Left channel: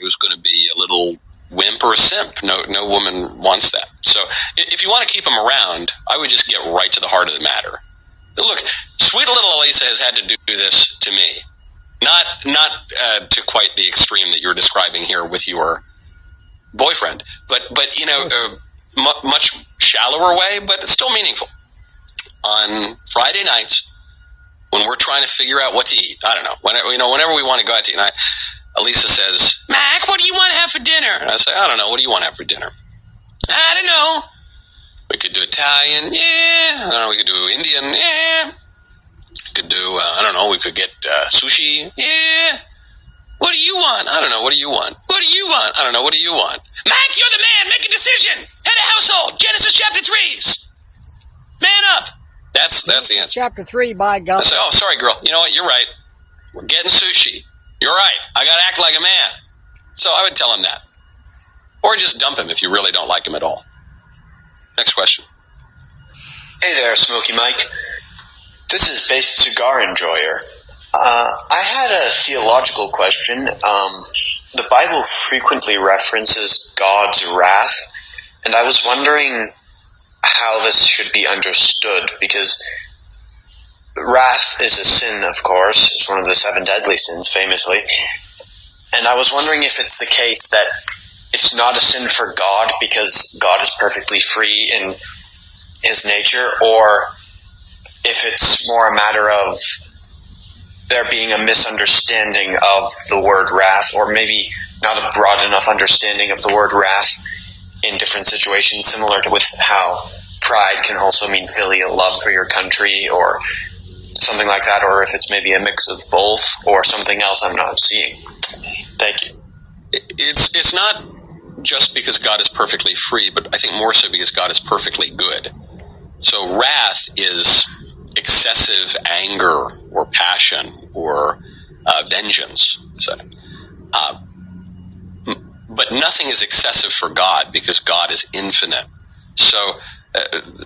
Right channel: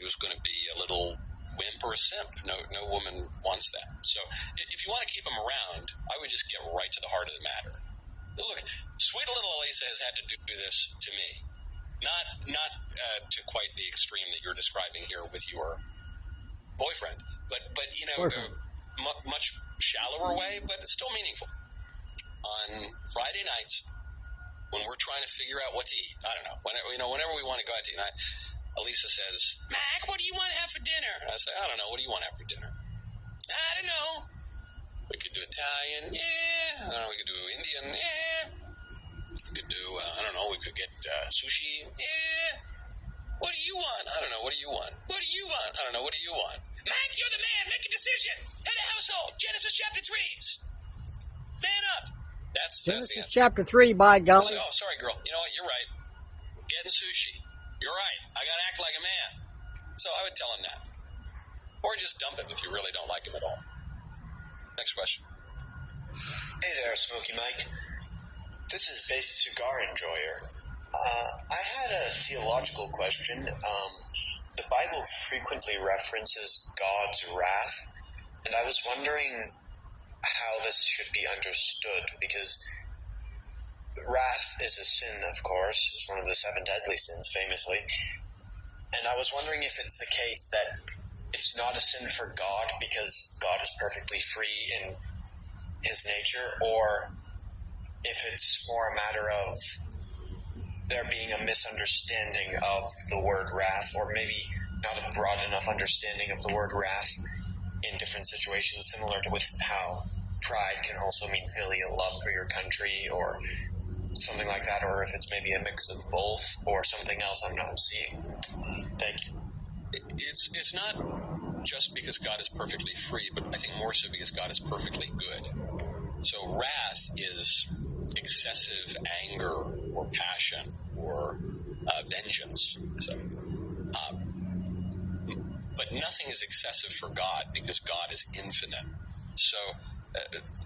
who's going to be a little wimp or a simp. No woman wants that. So if you want to keep them around, I would just get right to the heart of the matter. Look, sweet little Elisa has had to do this to me. Not to quite the extreme that you're describing here with your boyfriend, but much shallower way, but it's still meaningful. On Friday nights, when we're trying to figure out what to eat, I don't know, whenever we want to go out to eat, and Elisa says, Mac, what do you want to have for dinner? And I say, I don't know, what do you want to have for dinner? I don't know. We could do Italian, yeah. I don't know, we could do Indian, yeah. We could do, we could get sushi, yeah. What do you want? I don't know, what do you want? What do you want? I don't know, what do you want? Mac, you're the man, make a decision. Head of household, Genesis chapter 3. Man up. That's the answer. Chapter 3, by God. I say, oh, sorry, girl. You know what? You're right. We're getting sushi. You're right. I got to act like a man. So I would tell him that. Or just dump him if you really don't like him at all. Next question. Hey there, Smoky Mike. This is Based Cigar Enjoyer. I had a theological question. The Bible frequently references God's wrath, and I was wondering how this should be understood, because wrath is a sin, of course. It's one of the 7 deadly sins, famously. And I was wondering if it's the case that it's not a sin for God because God is perfectly free in his nature, or if it's more a matter of there being a misunderstanding of the word wrath, or maybe not a broad enough understanding of the word wrath in different situations, similar to with how pride can also mean filial love for your country or something like that, or if it's maybe a mix of both or something else I'm not seeing. Thank you. It's not just because God is perfectly free, but I think more so because God is perfectly good. So wrath is excessive anger or passion or vengeance. So, but nothing is excessive for God because God is infinite. So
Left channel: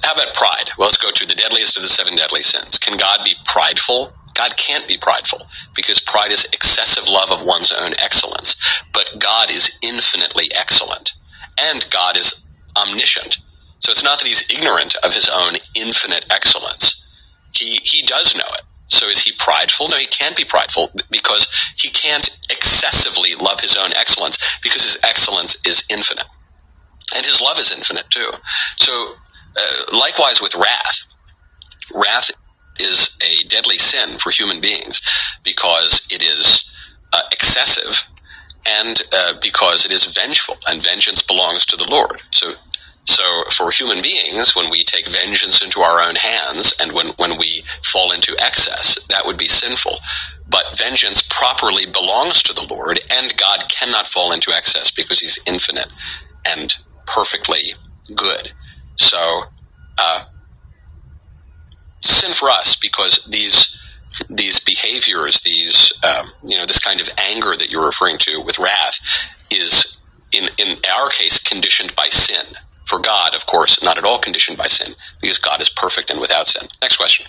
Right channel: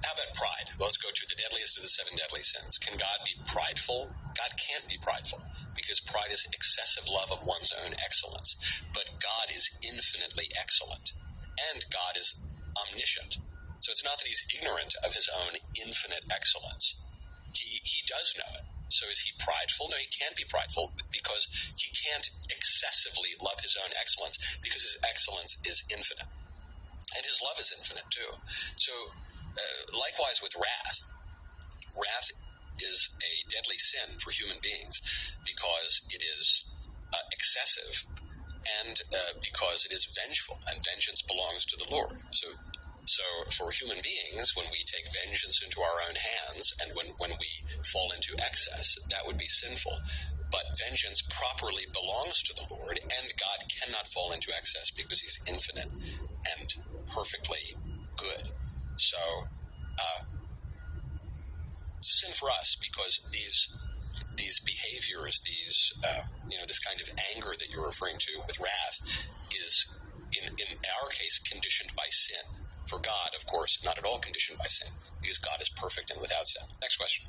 how about pride? Well, let's go to the deadliest of the 7 deadly sins. Can God be prideful? God can't be prideful because pride is excessive love of one's own excellence. But God is infinitely excellent, and God is omniscient. So it's not that he's ignorant of his own infinite excellence. He does know it. So is he prideful? No, he can't be prideful because he can't excessively love his own excellence because his excellence is infinite. And his love is infinite too. So likewise with wrath. Wrath is a deadly sin for human beings because it is excessive and because it is vengeful, and vengeance belongs to the Lord. So for human beings, when we take vengeance into our own hands and when we fall into excess, that would be sinful. But vengeance properly belongs to the Lord, and God cannot fall into excess because he's infinite and perfectly good. So sin for us because these behaviors, this kind of anger that you're referring to with wrath is in our case conditioned by sin. For God, of course, not at all conditioned by sin because God is perfect and without sin. Next question.